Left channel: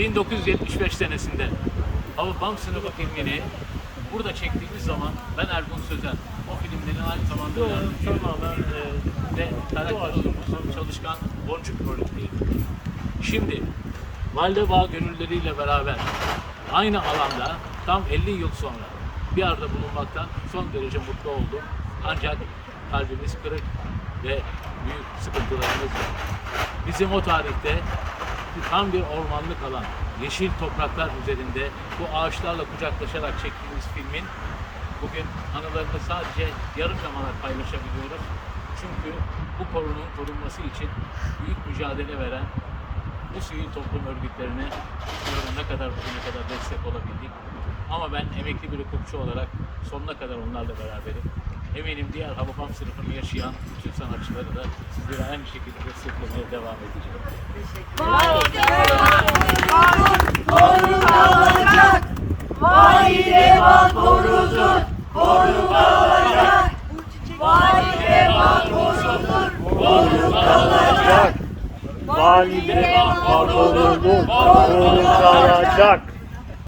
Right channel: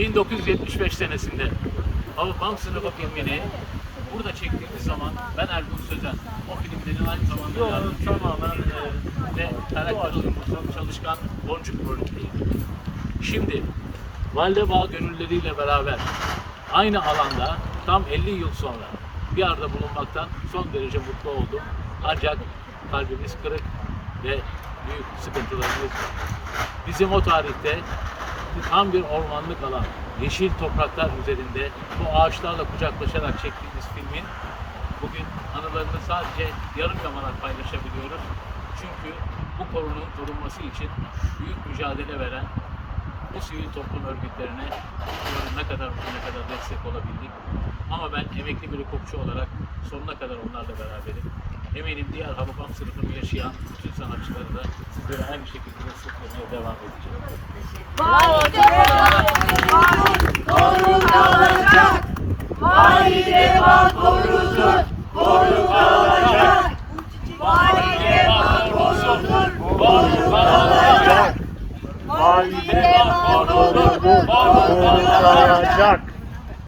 1975 senesinde Hababam sınıfı filmini burada çektiğimiz zaman ben Ergun Sözen. O filmlerin aynı zamanda yardımcı yönetmeniydi ve karakter oyuncusu çalışkan Boncuk rolündeydi. Şimdi Valide Bağ gönülleriyle beraber aynı alanda tam 50 yıl sonra bir arada bulunmaktan son derece mutlu oldum. Ancak kalbimiz kırık ve büyük sıkıntılarımız var. Bizim o tarihte tam bir ormanlık alan, yeşil topraklar üzerinde bu ağaçlarla kucaklaşarak çektiğimiz filmin bugün anılarını sadece yarım yamalak paylaşabiliyoruz. Çünkü bu korunun korunması için büyük mücadele veren bu sivil toplum örgütlerine bilmiyorum ne kadar bugüne kadar destek olabildik. Ama ben emekli bir hukukçu olarak sonuna kadar onlarla beraberim. Eminim diğer Hababam sınıfını yaşayan bütün sanatçıları da sizlere aynı şekilde desteklemeye devam Korunacak. Valide var korunur. Korunacak. Valide var korunur. Korunacak. Valide var korunur. Korunacak.